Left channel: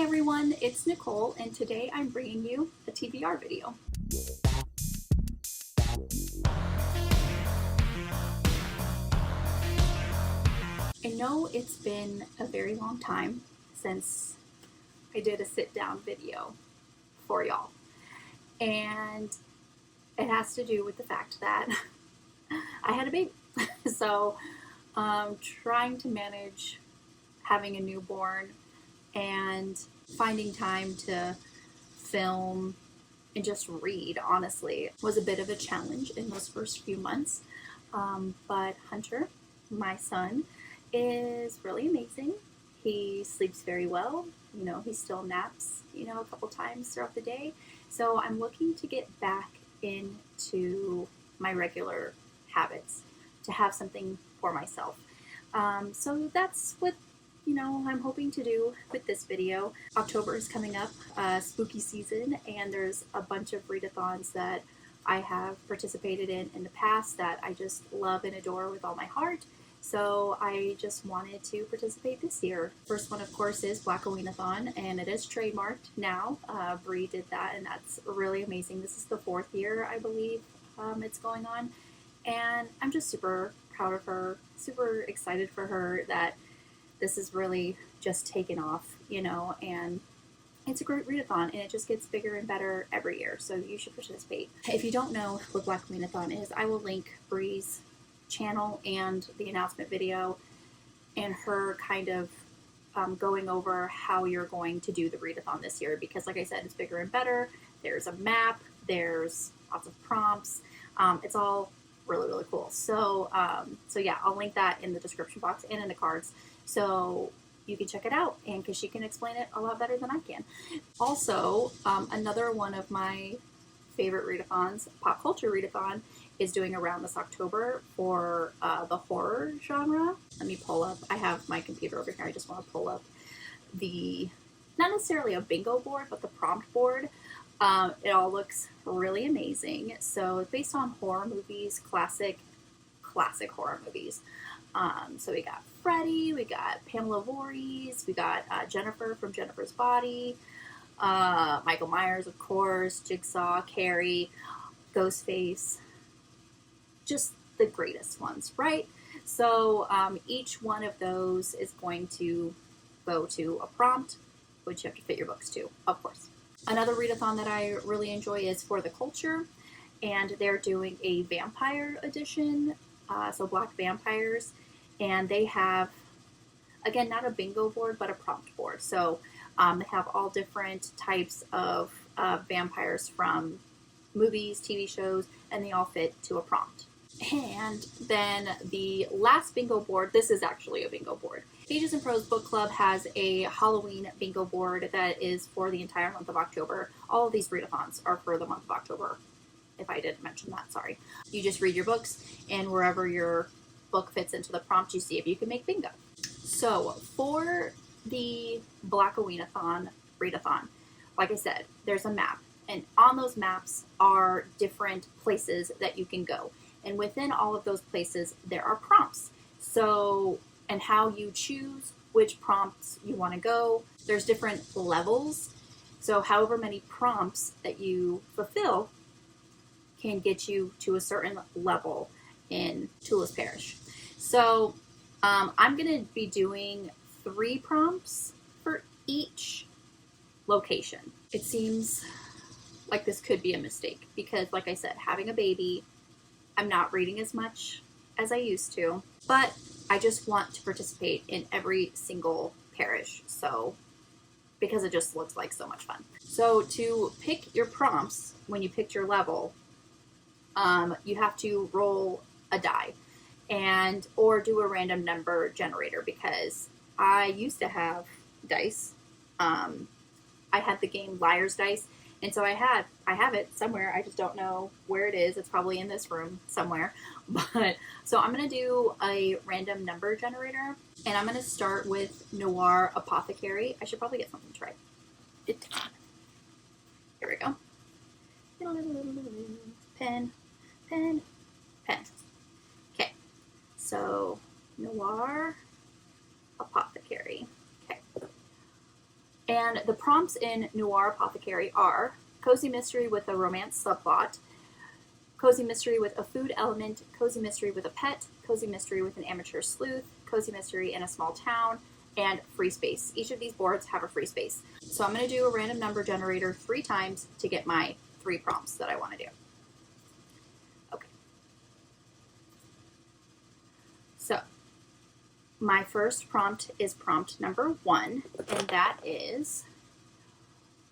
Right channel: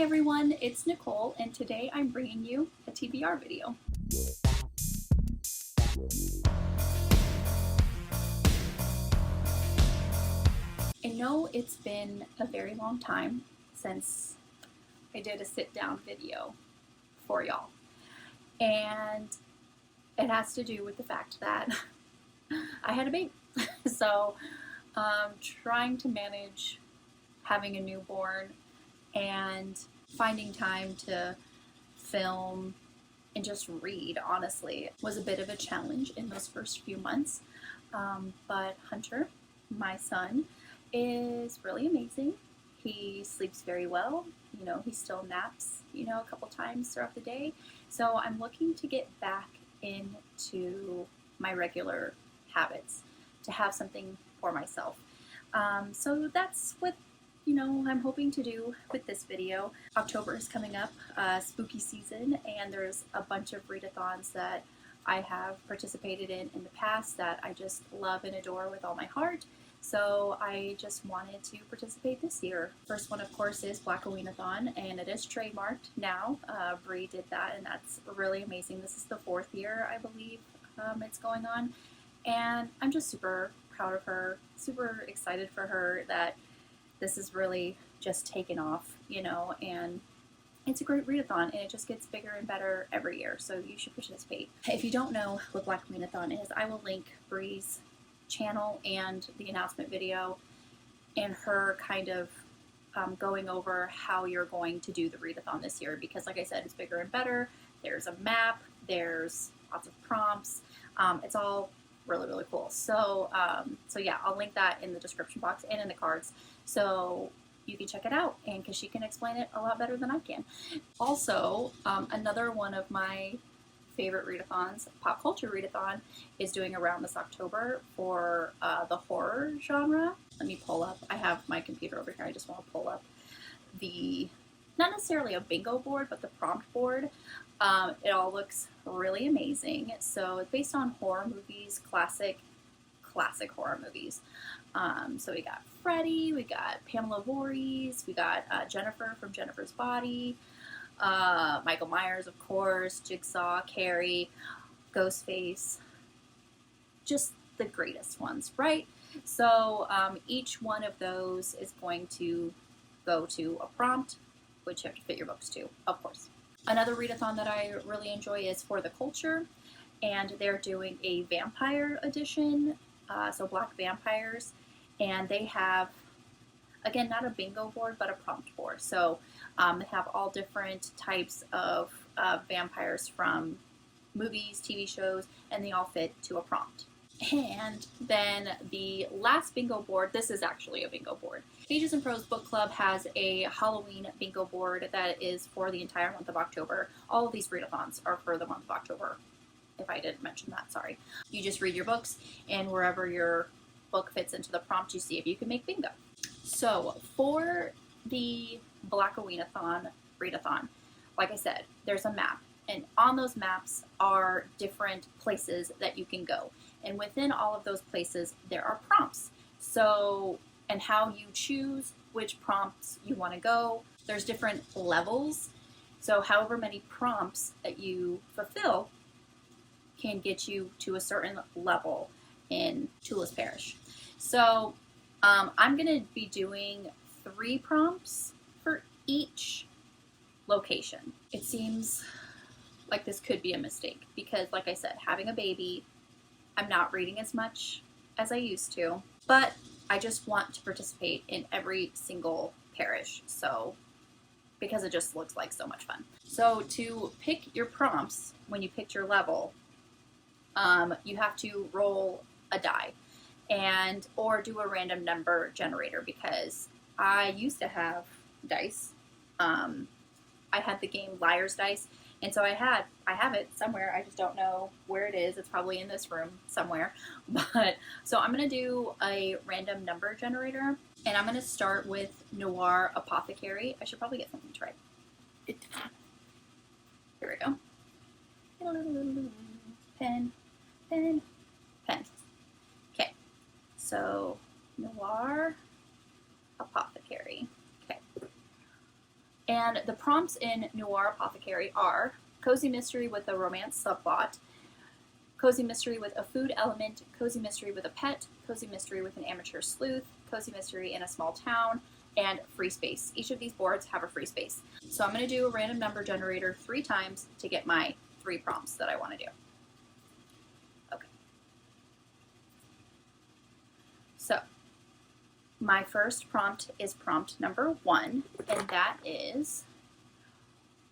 Hi everyone, it's Nicole, and today I'm bringing you a TBR video. I know it's been a very long time since I did a sit-down video for y'all, and it has to do with the fact that I had a baby. So trying to manage having a newborn and finding time to film and just read, honestly, was a bit of a challenge in those first few months. But Hunter, my son, is really amazing. He sleeps very well. You know, he still naps, a couple times throughout the day. So I'm looking to get back into my regular habits, to have something for myself. So that's what I'm hoping to do with this video. October is coming up, spooky season, and there's a bunch of readathons that I have participated in the past that I just love and adore with all my heart. So I just wanted to participate this year. First one, of course, is Black Awhile, and it is trademarked now. Bree did that, and that's really amazing. This is the 4th year, I believe, it's going on, and I'm just super proud of her, super excited for her that this is really just taken off, and it's a great readathon, and it just gets bigger and better every year, so you should participate. If you don't know what Black Readathon is, I will link Bree's channel and the announcement video and her kind of going over how you're going to do the readathon this year, because like I said, it's bigger and better. There's a map, there's lots of prompts, it's all really cool. So yeah, I'll link that in the description box and in the cards, so you can check it out, and because she can explain it a lot better than I can. Also, another one of my favorite readathons, Pop Culture Readathon, is doing around this October for the horror genre. Let me pull up, I have my computer over here, I just want to pull up not necessarily a bingo board, but the prompt board. It all looks really amazing. So it's based on horror movies, classic horror movies. So we got Freddy, we got Pamela Voorhees, we got Jennifer from Jennifer's Body, Michael Myers, of course, Jigsaw, Carrie, Ghostface, just the greatest ones, right? So each one of those is going to go to a prompt, which you have to fit your books to, of course. Another readathon that I really enjoy is For the Culture, and they're doing a vampire edition, so Black Vampires, and they have, again, not a bingo board, but a prompt board. So they have all different types of vampires from movies, TV shows, and they all fit to a prompt. And then the last bingo board, this is actually a bingo board. Pages and Prose Book Club has a Halloween bingo board that is for the entire month of October. All of these readathons are for the month of October, if I didn't mention that, sorry. You just read your books, and wherever your book fits into the prompt, you see if you can make bingo. So for the Black Awhile readathon, like I said, there's a map, and on those maps are different places that you can go. And within all of those places, there are prompts. So, and how you choose which prompts you want to go. There's different levels. So however many prompts that you fulfill can get you to a certain level in Tulis Parish. So I'm going to be doing 3 prompts for each location. It seems like this could be a mistake because, like I said, having a baby, I'm not reading as much as I used to, but I just want to participate in every single parish, so because it just looks like so much fun. So to pick your prompts, when you picked your level, you have to roll a die or do a random number generator, because I used to have dice. I had the game Liar's Dice, and so I have it somewhere. I just don't know where it is. It's probably in this room somewhere. But so I'm going to do a random number generator, and I'm going to start with Noir Apothecary. I should probably get something to write it down. Here we go. Pen. Okay. So Noir Apothecary. Okay. And the prompts in Noir Apothecary are cozy mystery with a romance subplot, cozy mystery with a food element, cozy mystery with a pet, cozy mystery with an amateur sleuth, cozy mystery in a small town, and free space. Each of these boards have a free space. So I'm going to do a random number generator 3 times to get my 3 prompts that I want to do. Okay. So my first prompt is prompt number 1, and that is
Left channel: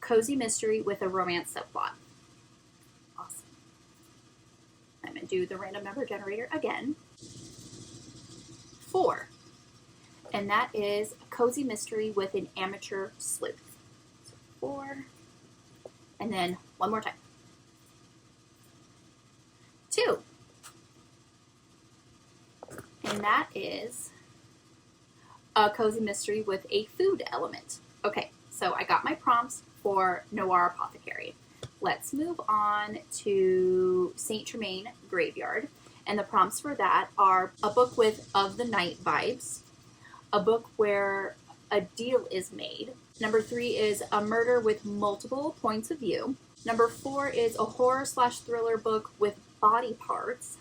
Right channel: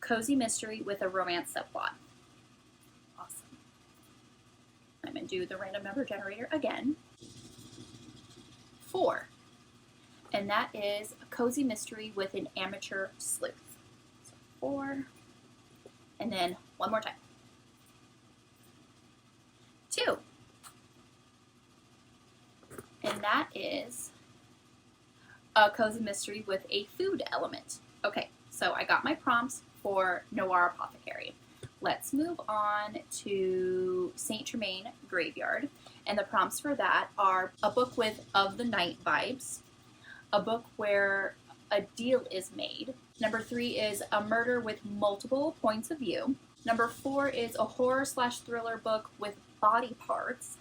cozy mystery with a romance subplot. Awesome. I'm going to do the random number generator again. 4. And that is a cozy mystery with an amateur sleuth. So 4. And then one more time. 2. And that is a cozy mystery with a food element. Okay, so I got my prompts for Noir Apothecary. Let's move on to Saint Germain Graveyard. And the prompts for that are a book with of the night vibes, a book where a deal is made. Number 3 is a murder with multiple points of view. Number 4 is a horror/thriller book with body parts.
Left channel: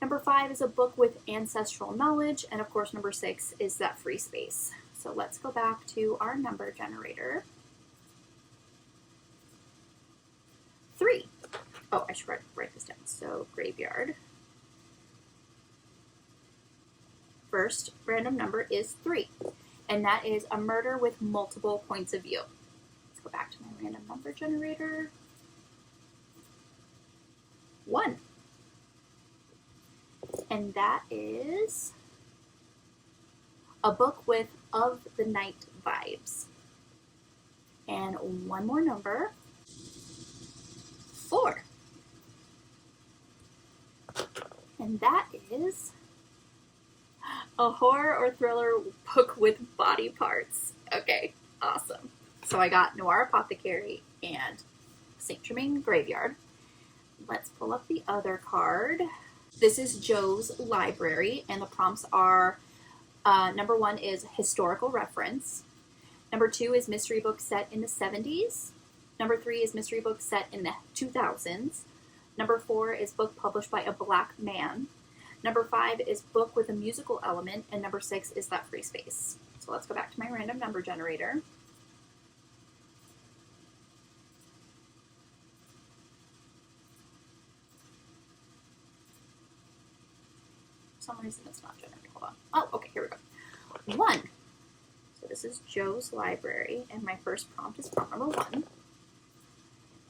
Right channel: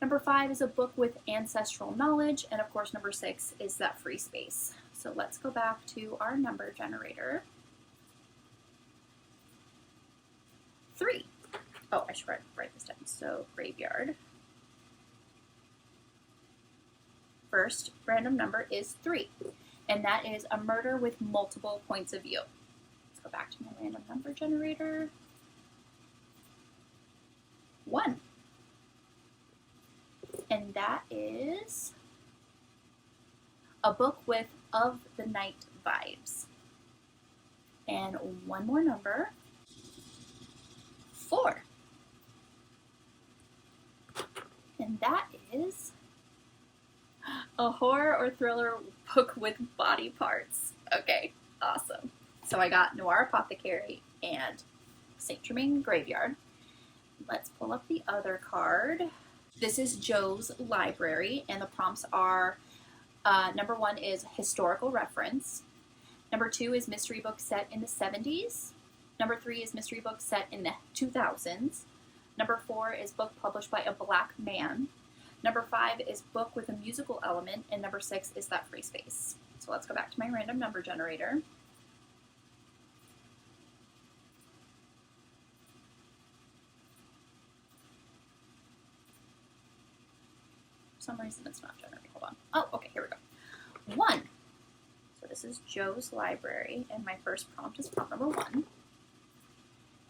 Number 5 is a book with ancestral knowledge. And of course, number 6 is that free space. So let's go back to our number generator. 3. Oh, I should write this down. So graveyard. First random number is 3, and that is a murder with multiple points of view. Let's go back to my random number generator. 1. And that is a book with of the night vibes. And one more number. 4. And that is a horror or thriller book with body parts. Okay, awesome. So I got Noir Apothecary and Saint Germain Graveyard. Let's pull up the other card. This is Joe's Library, and the prompts are number 1 is historical reference. Number 2 is mystery book set in the 70s. Number 3 is mystery book set in the 2000s. Number 4 is book published by a black man. Number 5 is book with a musical element, and number 6 is that free space. So let's go back to my random number generator. For some reason it's not generating. Hold on. Oh, okay, here we go. 1. So this is Joe's Library, and my first prompt is prompt number 1.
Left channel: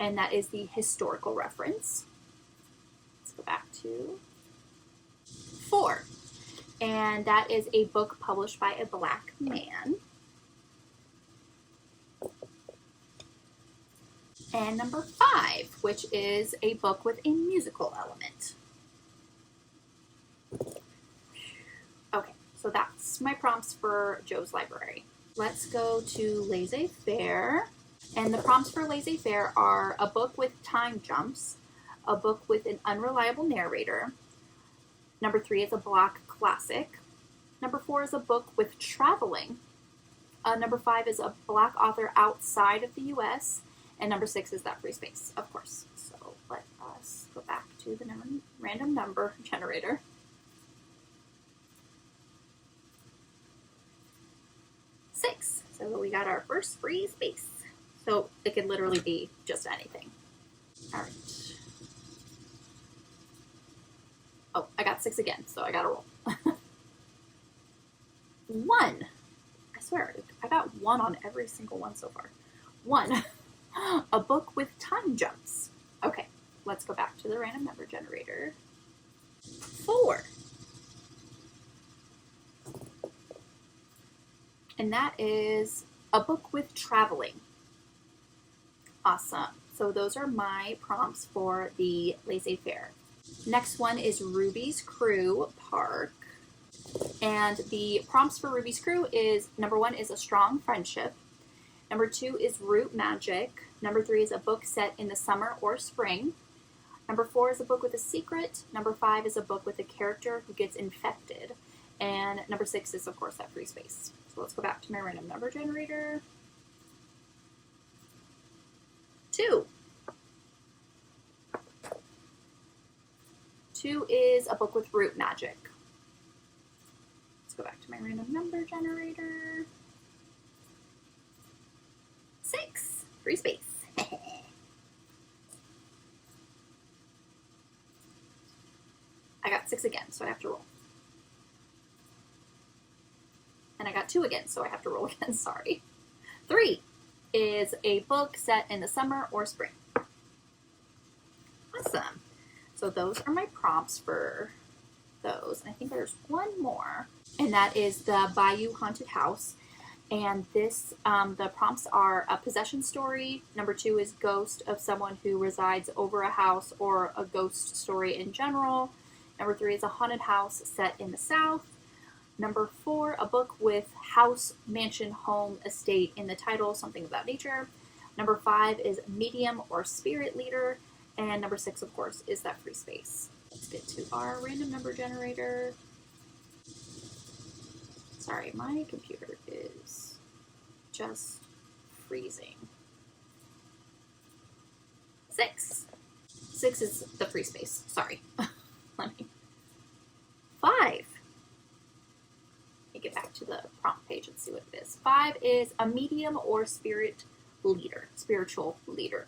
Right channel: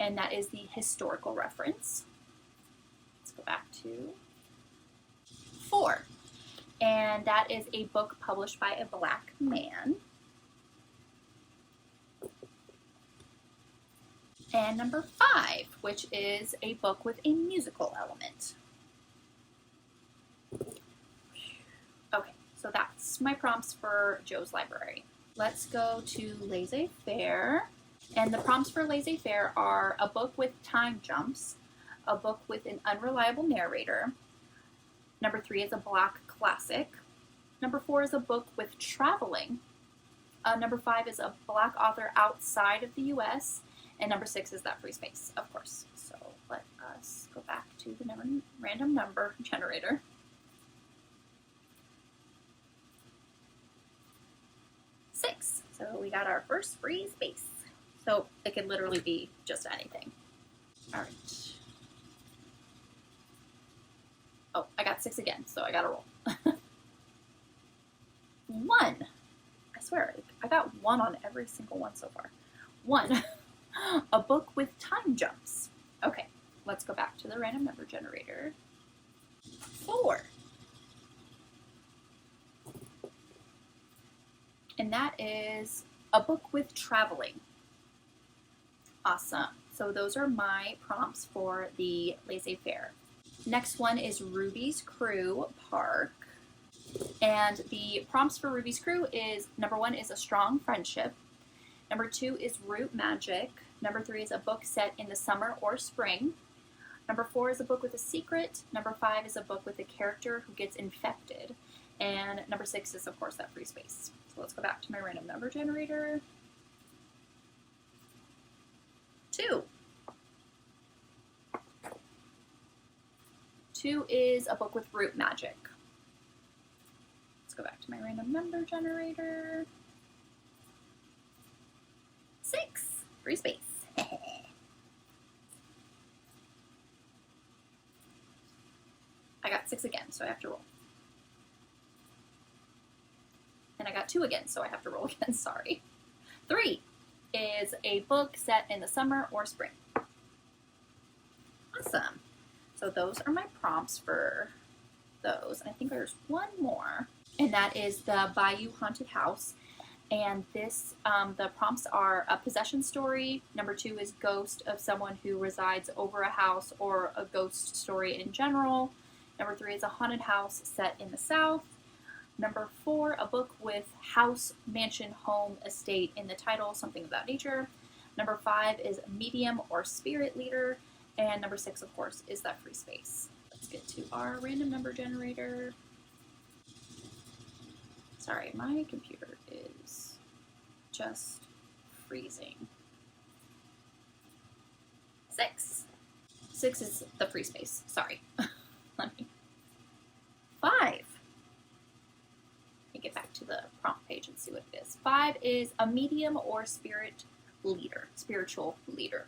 And that is the historical reference. Let's go back to 4. And that is a book published by a black man. And number 5, which is a book with a musical element. Okay, so that's my prompts for Joe's Library. Let's go to Laissez-Faire. And the prompts for Laissez-Faire are a book with time jumps, a book with an unreliable narrator. Number 3 is a black classic. Number 4 is a book with traveling. Number 5 is a black author outside of the U.S. And number 6 is that free space, of course. So let us go back to the random number generator. 6. So we got our first free space. So it could literally be just anything. All right. Oh, I got 6 again, so I got to roll. 1. I swear, I got 1 on every single one so far. 1. A book with time jumps. Okay, let's go back to the random number generator. 4. And that is a book with traveling. Awesome. So those are my prompts for the Laissez-Faire. Next one is Ruby's Crew Park. And the prompts for Ruby's Crew is number 1 is a strong friendship. Number 2 is root magic. Number 3 is a book set in the summer or spring. Number 4 is a book with a secret. Number 5 is a book with a character who gets infected. And number 6 is, of course, that free space. So let's go back to my random number generator. 2 is a book with root magic. Let's go back to my random number generator. 6, free space. I got 6 again, so I have to roll. And I got 2 again, so I have to roll again, sorry. 3 is a book set in the summer or spring. Awesome. So those are my prompts for those. And I think there's one more, and that is the Bayou Haunted House. And this, the prompts are a possession story. Number 2 is ghost of someone who resides over a house or a ghost story in general. Number 3 is a haunted house set in the South. Number 4, a book with house, mansion, home, estate in the title, something about nature. Number 5 is medium or spirit leader. And number 6, of course, is that free space. Let's get to our random number generator. Sorry, my computer is just freezing. 6. 6 is the free space. Sorry. Let me. 5. Let me get back to the prompt page and see what it is. 5 is a medium or spirit leader, spiritual leader.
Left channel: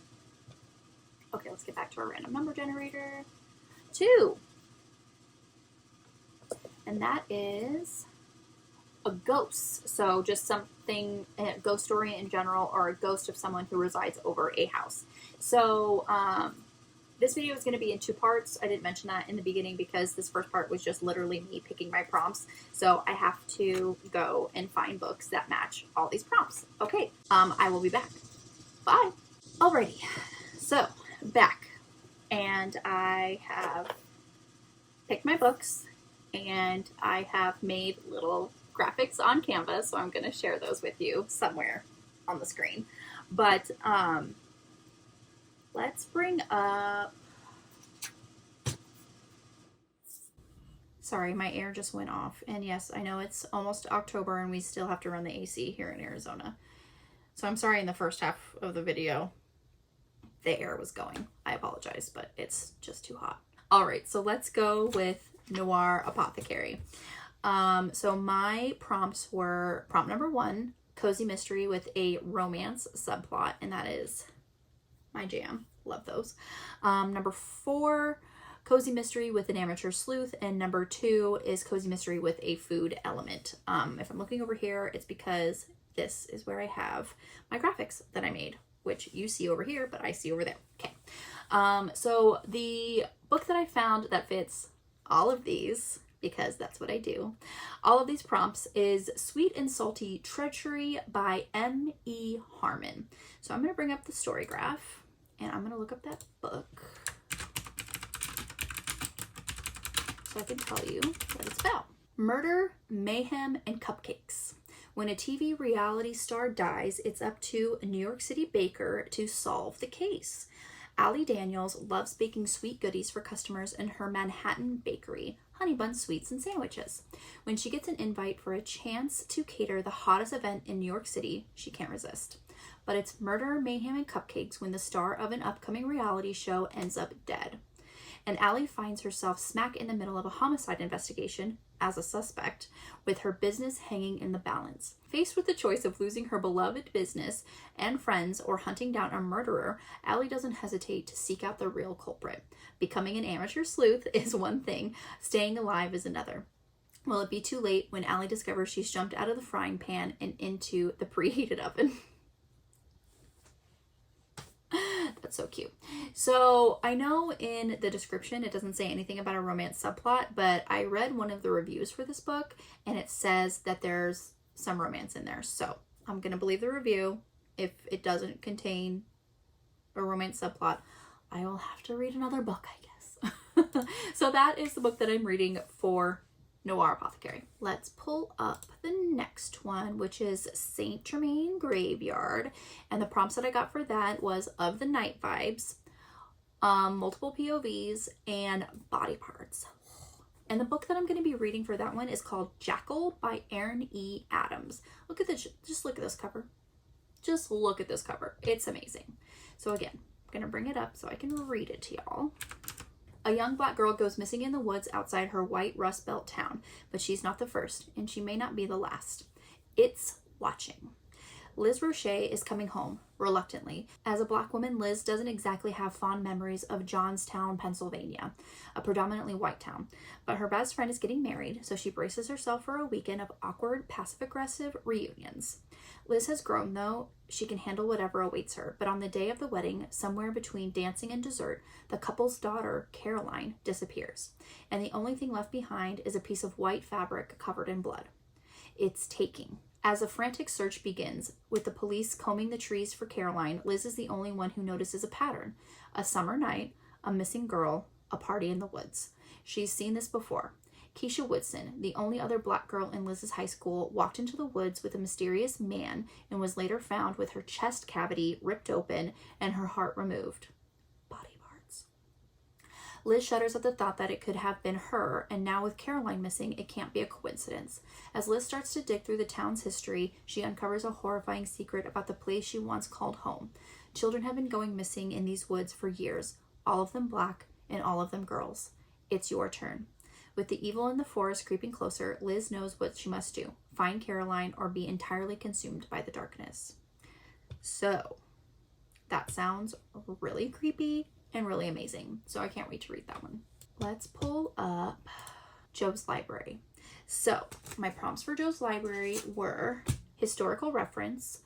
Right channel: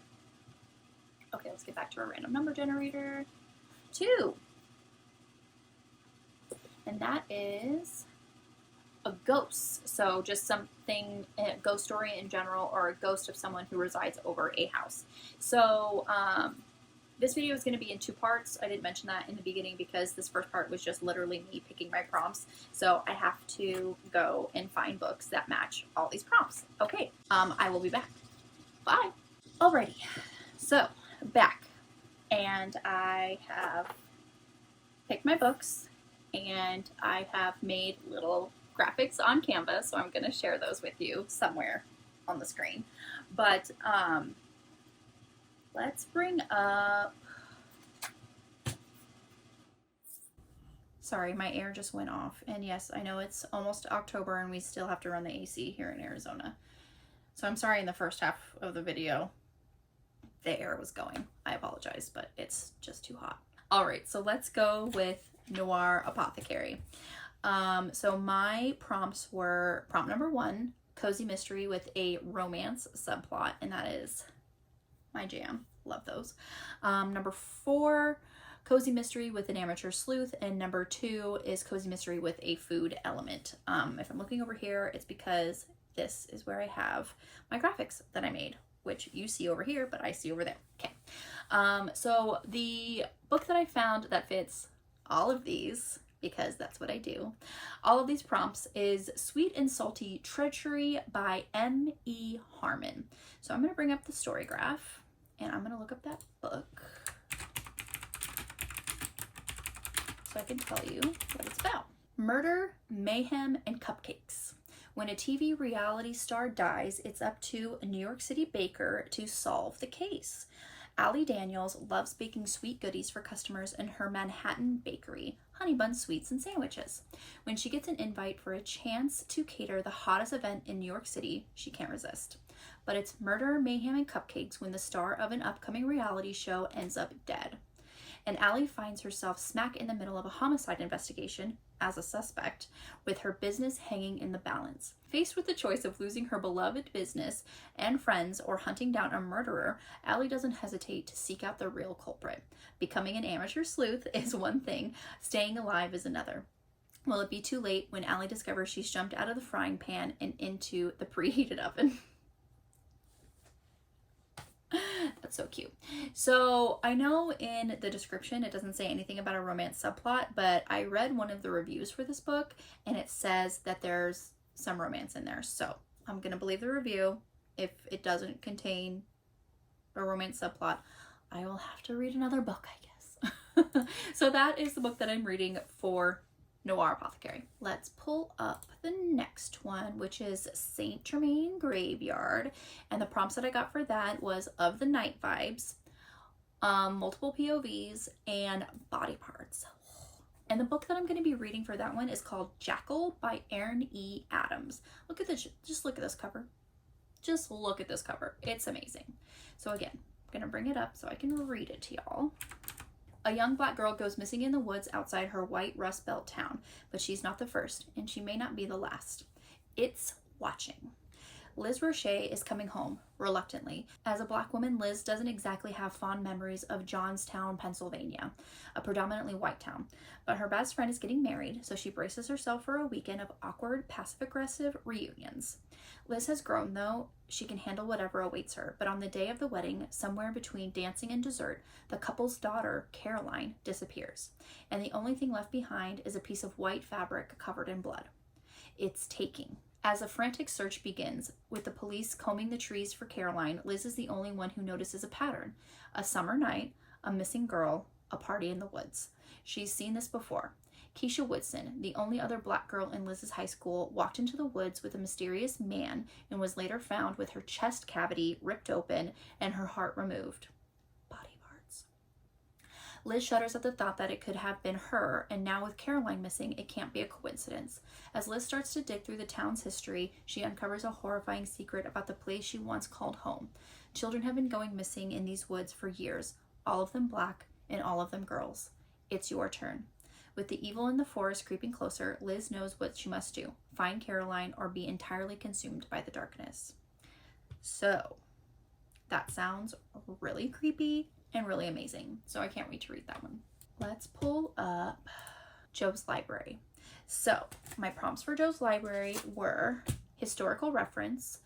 Okay, let's get back to our random number generator. 2. And that is a ghost. So just something, a ghost story in general, or a ghost of someone who resides over a house. So this video is going to be in 2 parts. I didn't mention that in the beginning because this first part was just literally me picking my prompts. So I have to go and find books that match all these prompts. Okay, I will be back. Bye. Alrighty, so back, and I have picked my books, and I have made little graphics on Canva, so I'm going to share those with you somewhere on the screen. But let's bring up, sorry, my air just went off, and yes, I know it's almost October and we still have to run the AC here in Arizona. So I'm sorry in the first half of the video the air was going. I apologize, but it's just too hot. All right, so let's go with Noir Apothecary. So my prompts were prompt number 1, cozy mystery with a romance subplot, and that is my jam. Love those. Number 4, cozy mystery with an amateur sleuth, and number 2 is cozy mystery with a food element. If I'm looking over here, it's because this is where I have my graphics that I made, which you see over here, but I see over there. Okay. So the book that I found that fits all of these, because that's what I do, all of these prompts, is Sweet and Salty Treachery by M.E. Harmon. So I'm going to bring up the story graph, and I'm going to look up that book so I can tell you what it's about. Murder, mayhem, and cupcakes. When a TV reality star dies, it's up to a New York City baker to solve the case. Allie Daniels loves baking sweet goodies for customers in her Manhattan bakery, Honey Bun Sweets and Sandwiches. When she gets an invite for a chance to cater the hottest event in New York City, she can't resist. But it's murder, mayhem, and cupcakes when the star of an upcoming reality show ends up dead. And Allie finds herself smack in the middle of a homicide investigation as a suspect, with her business hanging in the balance. Faced with the choice of losing her beloved business and friends or hunting down a murderer, Allie doesn't hesitate to seek out the real culprit. Becoming an amateur sleuth is one thing, staying alive is another. Will it be too late when Allie discovers she's jumped out of the frying pan and into the preheated oven? That's so cute. So I know in the description it doesn't say anything about a romance subplot, but I read one of the reviews for this book and it says that there's some romance in there. So I'm going to believe the review. If it doesn't contain a romance subplot, I will have to read another book, I guess. So that is the book that I'm reading for Noir Apothecary. Let's pull up the next one, which is Saint Germain Graveyard, and the prompts that I got for that was of the night vibes, multiple POVs, and body parts. And the book that I'm going to be reading for that one is called Jackal by Aaron E. Adams. Look at this, just look at this cover. Just look at this cover. It's amazing. So again, I'm going to bring it up so I can read it to y'all. A young black girl goes missing in the woods outside her white Rust Belt town, but she's not the first, and she may not be the last. It's watching. Liz Roche is coming home, reluctantly. As a black woman, Liz doesn't exactly have fond memories of Johnstown, Pennsylvania, a predominantly white town. But her best friend is getting married, so she braces herself for a weekend of awkward, passive-aggressive reunions. Liz has grown, though. She can handle whatever awaits her. But on the day of the wedding, somewhere between dancing and dessert, the couple's daughter, Caroline, disappears. And the only thing left behind is a piece of white fabric covered in blood. It's taking. As a frantic search begins, with the police combing the trees for Caroline, Liz is the only one who notices a pattern. A summer night, a missing girl, a party in the woods. She's seen this before. Keisha Woodson, the only other black girl in Liz's high school, walked into the woods with a mysterious man and was later found with her chest cavity ripped open and her heart removed. Body parts. Liz shudders at the thought that it could have been her, and now with Caroline missing, it can't be a coincidence. As Liz starts to dig through the town's history, she uncovers a horrifying secret about the place she once called home. Children have been going missing in these woods for years, all of them black and all of them girls. It's your turn. With the evil in the forest creeping closer, Liz knows what she must do. Find Caroline or be entirely consumed by the darkness. So, that sounds really creepy and really amazing. So I can't wait to read that one. Let's pull up Joe's Library. So, my prompts for Joe's Library were historical reference,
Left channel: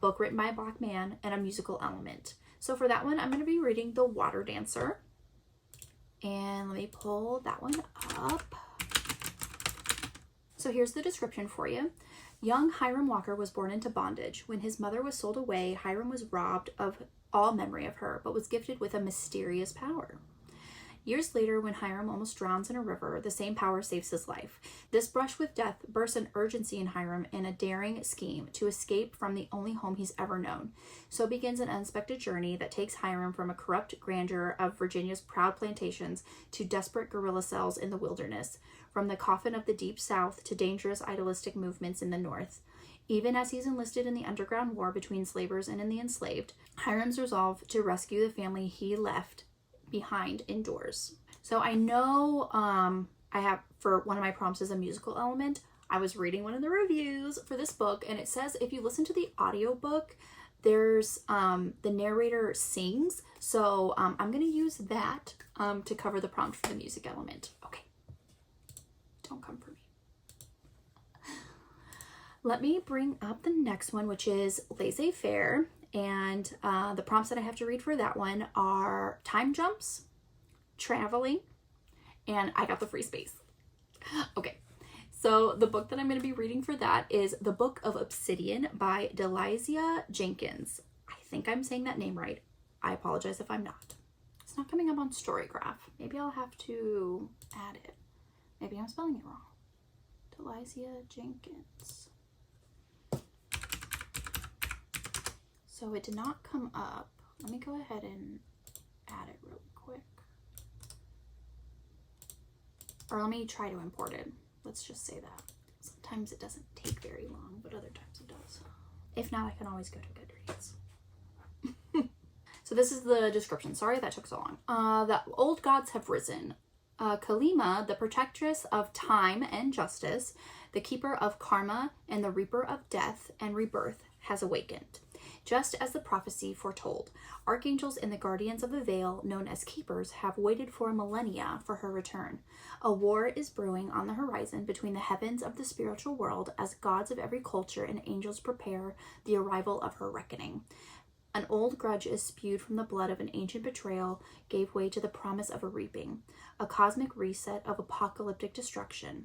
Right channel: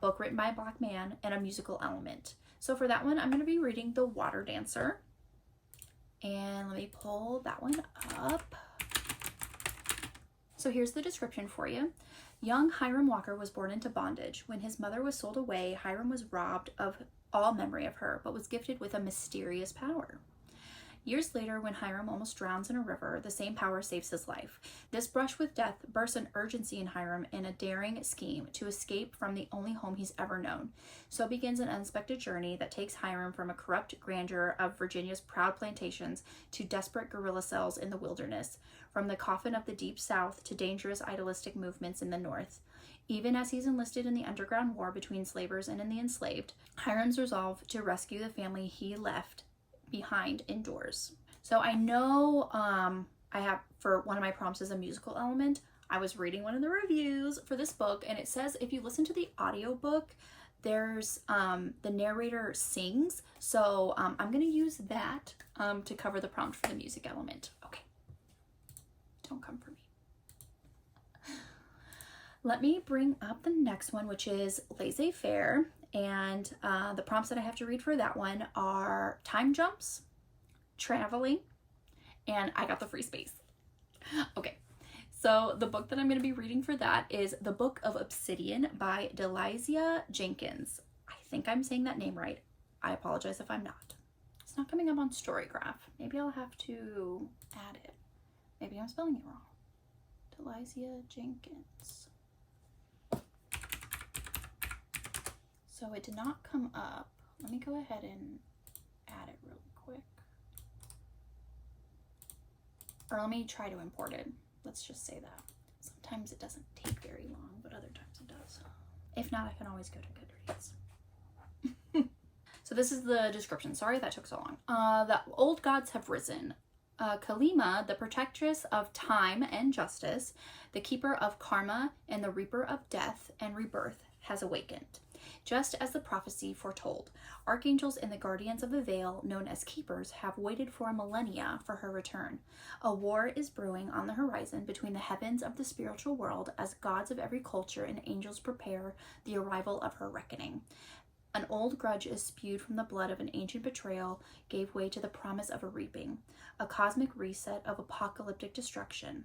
book written by a black man, and a musical element. So for that one, I'm going to be reading The Water Dancer. And let me pull that one up. So here's the description for you. Young Hiram Walker was born into bondage. When his mother was sold away, Hiram was robbed of all memory of her, but was gifted with a mysterious power. Years later, when Hiram almost drowns in a river, the same power saves his life. This brush with death bursts an urgency in Hiram in a daring scheme to escape from the only home he's ever known. So begins an unexpected journey that takes Hiram from a corrupt grandeur of Virginia's proud plantations to desperate guerrilla cells in the wilderness, from the coffin of the deep south to dangerous idealistic movements in the north. Even as he's enlisted in the underground war between slavers and in the enslaved, Hiram's resolve to rescue the family he left behind indoors. So I know I have, for one of my prompts is a musical element. I was reading one of the reviews for this book, and it says if you listen to the audiobook, there's the narrator sings. So I'm going to use that to cover the prompt for the music element. Okay, don't come for me. Let me bring up the next one, which is laissez-faire. And the prompts that I have to read for that one are time jumps, traveling, and I got the free space. Okay, so the book that I'm going to be reading for that is The Book of Obsidian by Delizia Jenkins. I think I'm saying that name right. I apologize if I'm not. It's not coming up on Storygraph. Maybe I'll have to add it. Maybe I'm spelling it wrong. Delizia Jenkins. So it did not come up. Let me go ahead and add it really quick. Or let me try to import it. Let's just say that. Sometimes it doesn't take very long, but other times it does. If not, I can always go to Goodreads. So this is the description. Sorry that took so long. The old gods have risen. Kalima, the protectress of time and justice, the keeper of karma and the reaper of death and rebirth, has awakened. Just as the prophecy foretold, archangels and the guardians of the veil, known as keepers, have waited for a millennia for her return. A war is brewing on the horizon between the heavens of the spiritual world as gods of every culture and angels prepare the arrival of her reckoning. An old grudge is spewed from the blood of an ancient betrayal, gave way to the promise of a reaping, a cosmic reset of apocalyptic destruction.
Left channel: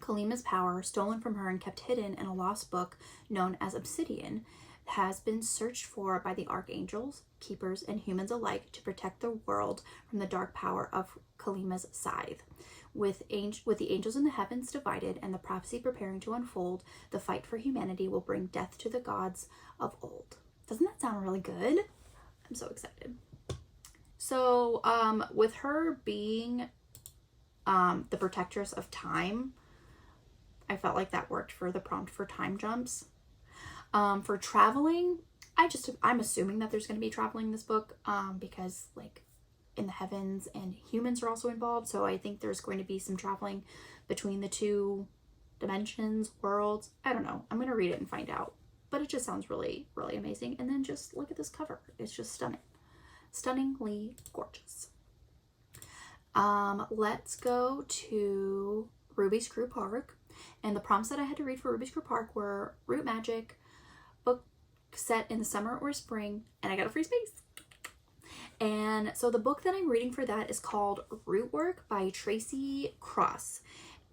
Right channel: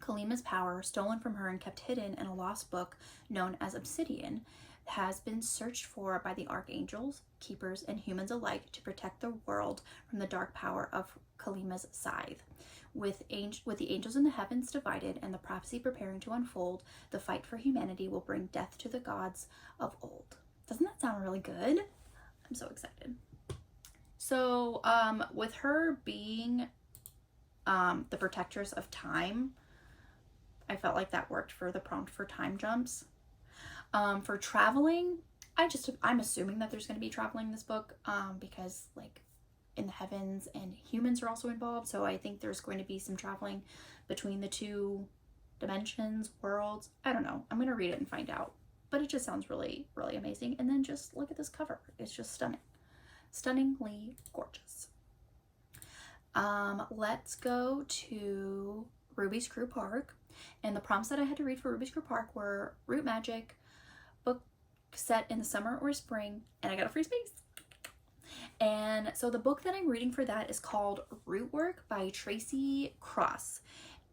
Kalima's power, stolen from her and kept hidden in a lost book known as Obsidian, has been searched for by the archangels, keepers, and humans alike to protect the world from the dark power of Kalima's scythe. With the angels in the heavens divided and the prophecy preparing to unfold, the fight for humanity will bring death to the gods of old. Doesn't that sound really good? I'm so excited. So with her being the protectress of time, I felt like that worked for the prompt for time jumps. For traveling, I'm assuming that there's going to be traveling in this book because like in the heavens, and humans are also involved. So I think there's going to be some traveling between the two dimensions, worlds. I don't know. I'm going to read it and find out. But it just sounds really, really amazing. And then just look at this cover. It's just stunning. Stunningly gorgeous. Let's go to Ruby Screw Park. And the prompts that I had to read for Ruby Screw Park were Root Magic, book set in the summer or spring, and I got a free space. And so the book that I'm reading for that is called Root Work by Tracy Cross.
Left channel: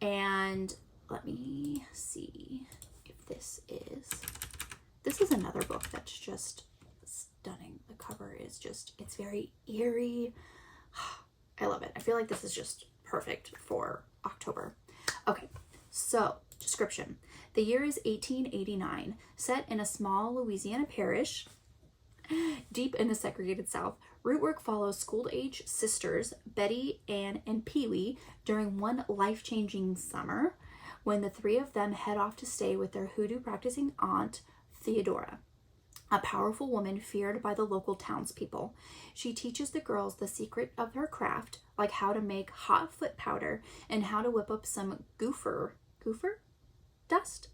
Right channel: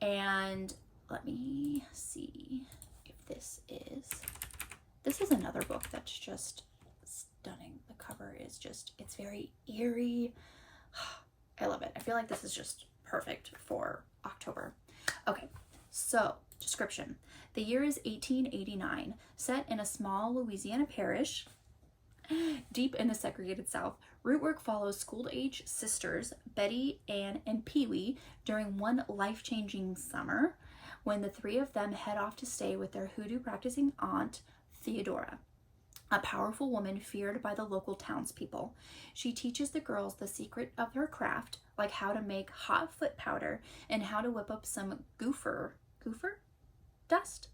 And let me see if this is another book that's just stunning. The cover is just, it's very eerie. I love it. I feel like this is just perfect for October. Okay, so description. The year is 1889, set in a small Louisiana parish deep in the segregated South. Rootwork follows school-age sisters Betty, Ann, and Pee-wee during one life-changing summer when the three of them head off to stay with their hoodoo-practicing aunt, Theodora, a powerful woman feared by the local townspeople. She teaches the girls the secret of her craft, like how to make hot foot powder and how to whip up some gopher dust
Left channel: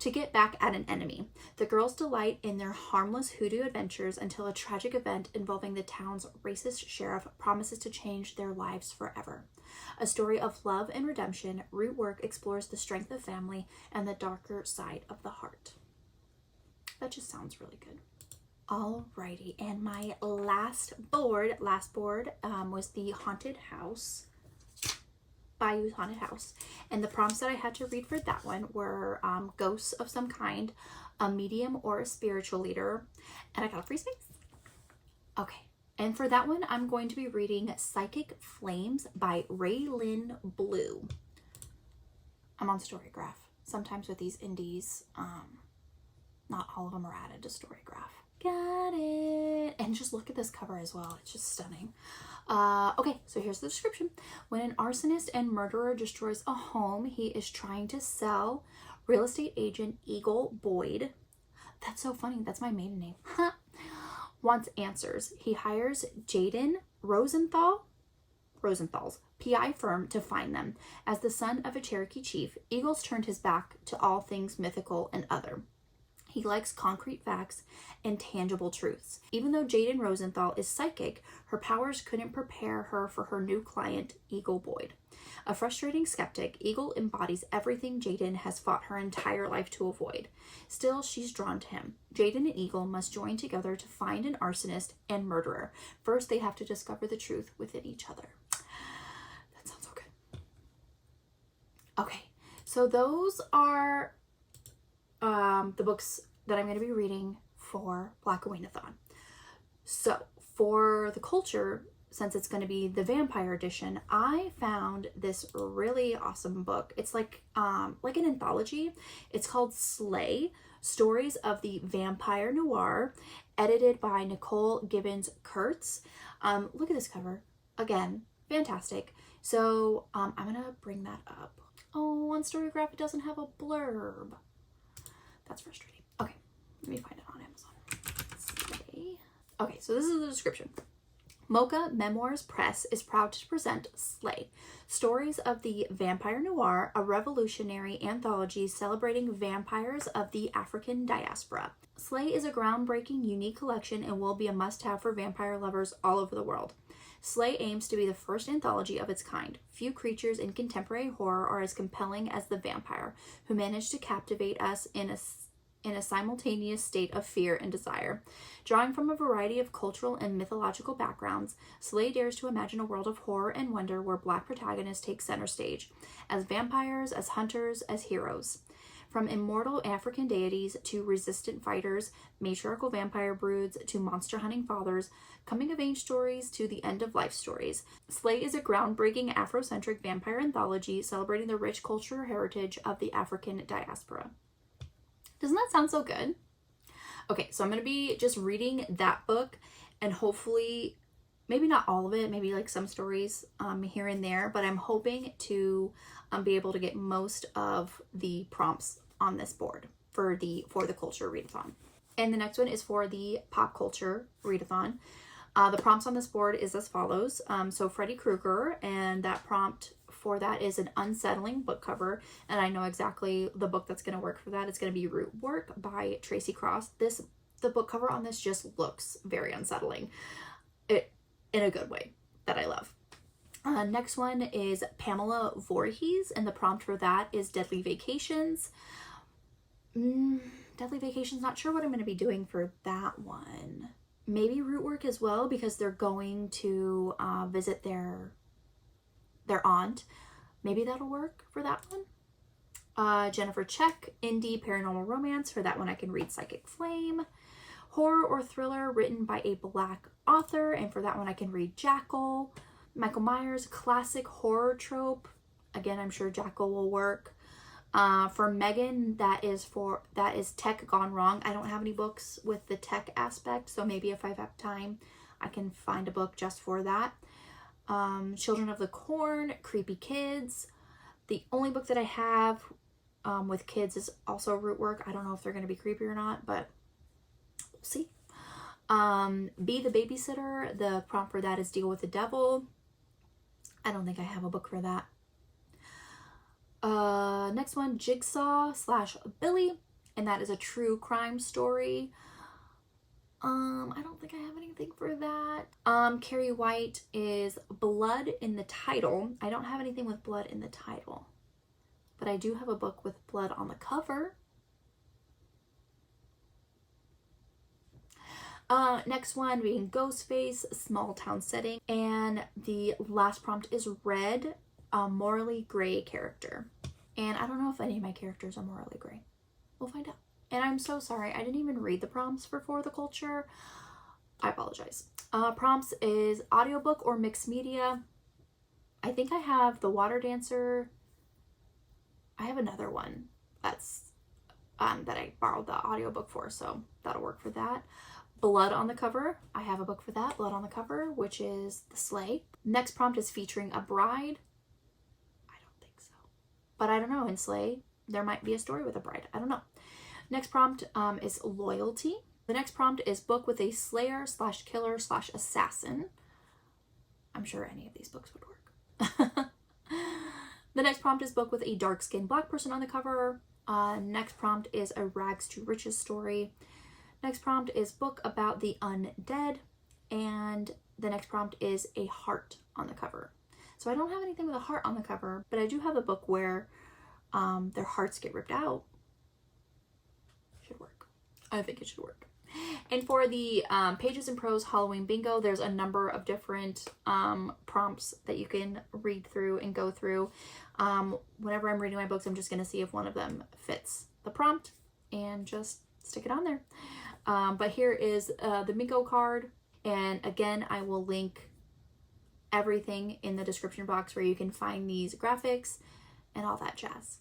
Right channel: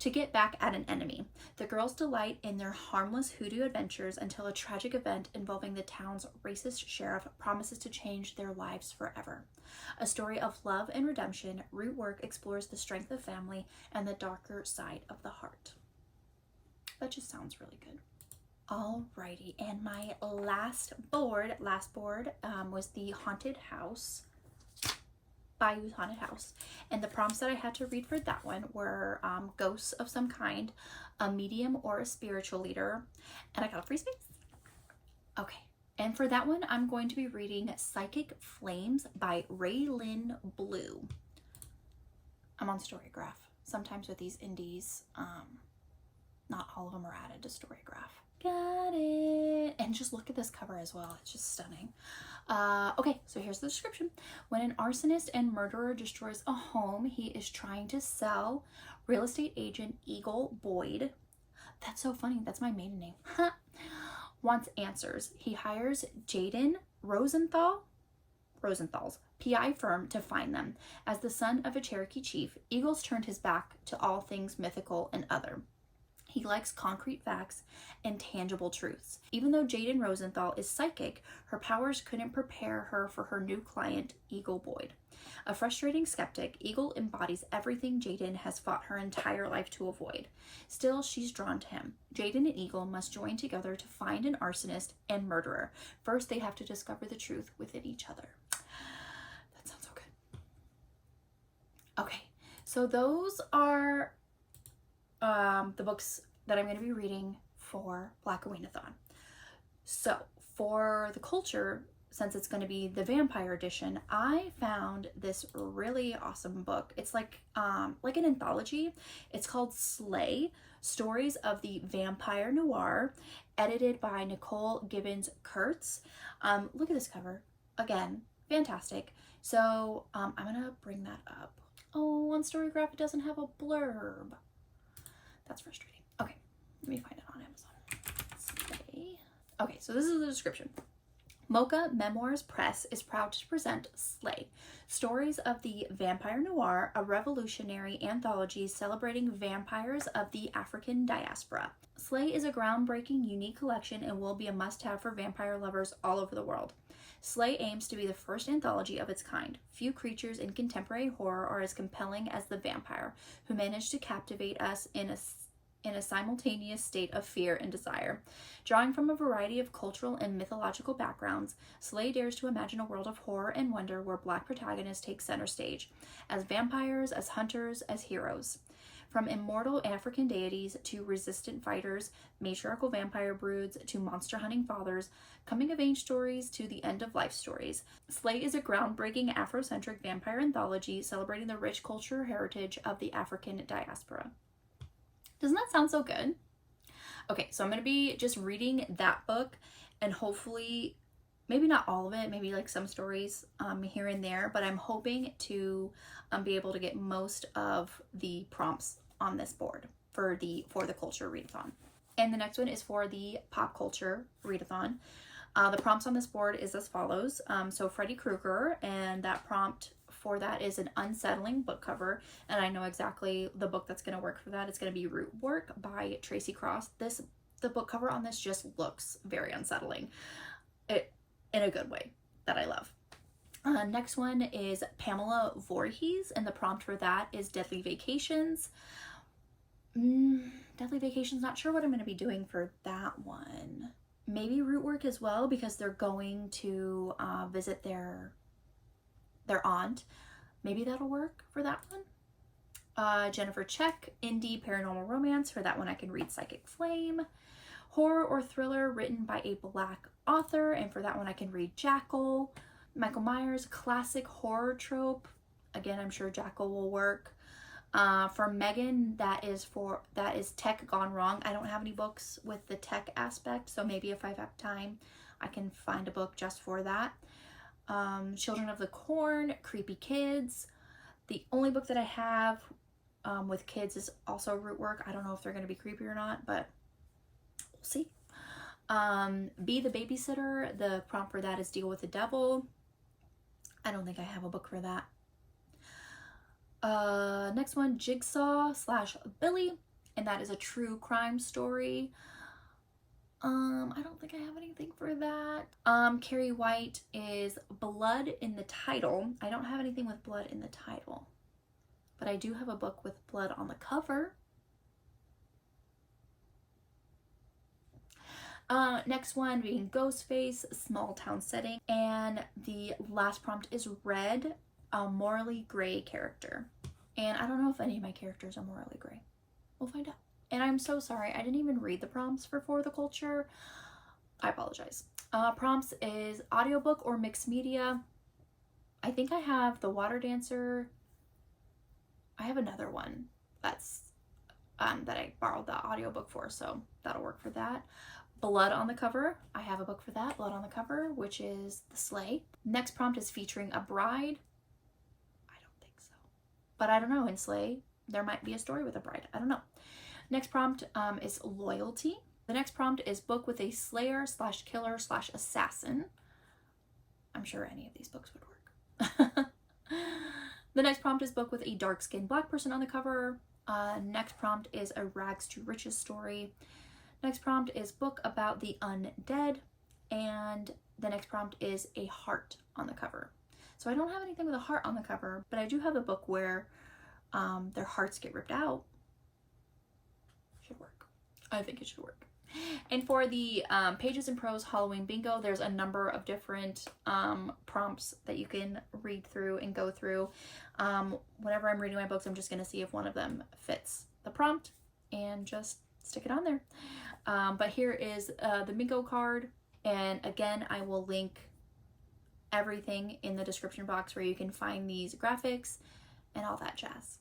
to get back at an enemy. The girls delight in their harmless hoodoo adventures until a tragic event involving the town's racist sheriff promises to change their lives forever. A story of love and redemption, Rootwork explores the strength of family and the darker side of the heart. That just sounds really good. Alrighty, and my last board was the Haunted House, Bayou's Haunted House. And the prompts that I had to read for that one were ghosts of some kind, a medium or a spiritual leader, and I got a free space. Okay, and for that one, I'm going to be reading Psychic Flames by Raylyn Blue. I'm on Storygraph. Sometimes with these indies, not all of them are added to Storygraph. Got it. And just look at this cover as well. It's just stunning. Okay, so here's the description. When an arsonist and murderer destroys a home he is trying to sell, real estate agent Eagle Boyd, that's so funny, that's my maiden name, wants answers. He hires Jaden Rosenthal's PI firm to find them. As the son of a Cherokee chief, Eagles turned his back to all things mythical and other. He likes concrete facts and tangible truths. Even though Jaden Rosenthal is psychic, her powers couldn't prepare her for her new client, Eagle Boyd. A frustrating skeptic, Eagle embodies everything Jaden has fought her entire life to avoid. Still, she's drawn to him. Jaden and Eagle must join together to find an arsonist and murderer. First, they have to discover the truth within each other. That sounds so good. Okay, so those are the books that I'm going to be reading for Black Away-a-thon. So for the culture, since it's going to be the vampire edition, I found this really awesome book. It's like an anthology. It's called Slay, Stories of the Vampire Noir, edited by Nicole Gibbons Kurtz. Look at this cover. Again, fantastic. So I'm going to bring that up. Oh, on Storygraph, it doesn't have a blurb. That's frustrating. Okay, let me find it on Amazon. Slay. Okay, so this is the description. Mocha Memoirs Press is proud to present Slay, Stories of the Vampire Noir, a revolutionary anthology celebrating vampires of the African diaspora. Slay is a groundbreaking, unique collection and will be a must-have for vampire lovers all over the world. Slay aims to be the first anthology of its kind. Few creatures in contemporary horror are as compelling as the vampire, who managed to captivate us in a simultaneous state of fear and desire. Drawing from a variety of cultural and mythological backgrounds, Slay dares to imagine a world of horror and wonder where Black protagonists take center stage, as vampires, as hunters, as heroes. From immortal African deities to resistant fighters, matriarchal vampire broods to monster-hunting fathers, coming-of-age stories to the end-of-life stories, Slay is a groundbreaking Afrocentric vampire anthology celebrating the rich cultural heritage of the African diaspora. Doesn't that sound so good? Okay, so I'm going to be just reading that book, and hopefully, maybe not all of it, maybe like some stories here and there, but I'm hoping to be able to get most of the prompts on this board for the culture readathon. And the next one is for the pop culture readathon. The prompts on this board is as follows. So Freddy Krueger, and that prompt for that is an unsettling book cover, and I know exactly the book that's going to work for that. It's going to be Root Work by Tracy Cross. The book cover on this just looks very unsettling, in a good way that I love. Next one is Pamela Voorhees, and the prompt for that is Deadly Vacations. Deadly Vacations, not sure what I'm going to be doing for that one. Maybe Root Work as well, because they're going to visit their aunt. Maybe that'll work for that one. Jennifer Check, Indie Paranormal Romance. For that one I can read Psychic Flame. Horror or thriller written by a Black author, and for that one I can read Jackal. Michael Myers, classic horror trope. Again, I'm sure Jackal will work. For Megan, that is Tech Gone Wrong. I don't have any books with the tech aspect, so maybe if I have time I can find a book just for that. Children of the Corn, Creepy Kids. The only book that I have with kids is also Root Work. I don't know if they're going to be creepy or not, but we'll see. Be the Babysitter. The prompt for that is Deal with the Devil. I don't think I have a book for that. Next one, Jigsaw / Billy, and that is a true crime story. I don't think I have anything for that. Carrie White is Blood in the title. I don't have anything with blood in the title, but I do have a book with blood on the cover. Next one being Ghostface, small town setting, and the last prompt is Red, a morally gray character. And I don't know if any of my characters are morally gray. We'll find out. And I'm so sorry, I didn't even read the prompts for the culture. I apologize. Prompts is audiobook or mixed media. I think I have The Water Dancer. I have another one that's that I borrowed the audiobook for, so that'll work for that. Blood on the cover. I have a book for that, Blood on the Cover, which is The Slay. Next prompt is featuring a bride. I don't think so, but I don't know. In Slay, there might be a story with a bride. I don't know. Next prompt is Loyalty. The next prompt is book with a slayer / killer / assassin. I'm sure any of these books would work. The next prompt is book with a dark-skinned Black person on the cover. Next prompt is a rags to riches story. Next prompt is book about the undead, and the next prompt is a heart on the cover. So I don't have anything with a heart on the cover, but I do have a book where their hearts get ripped out. Should work. I think it should work. And for the Pages in Prose Halloween Bingo, there's a number of different prompts that you can read through and go through. Whenever I'm reading my books, I'm just going to see if one of them fits the prompt and just stick it on there. But here is the bingo card, and again I will link everything in the description box where you can find these graphics and all that jazz.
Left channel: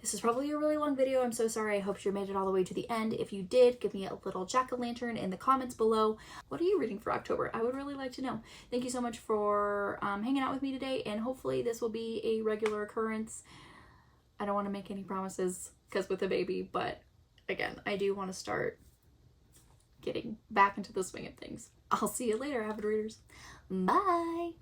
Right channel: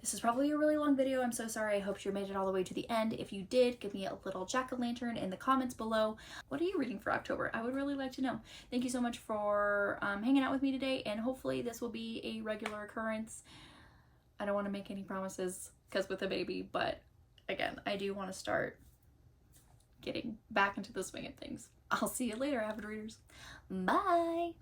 This is probably a really long video. I'm so sorry. I hope you made it all the way to the end. If you did, give me a little jack-o'-lantern in the comments below. What are you reading for October? I would really like to know. Thank you so much for hanging out with me today, and hopefully this will be a regular occurrence. I don't want to make any promises because with a baby, but again, I do want to start getting back into the swing of things. I'll see you later, avid readers. Bye!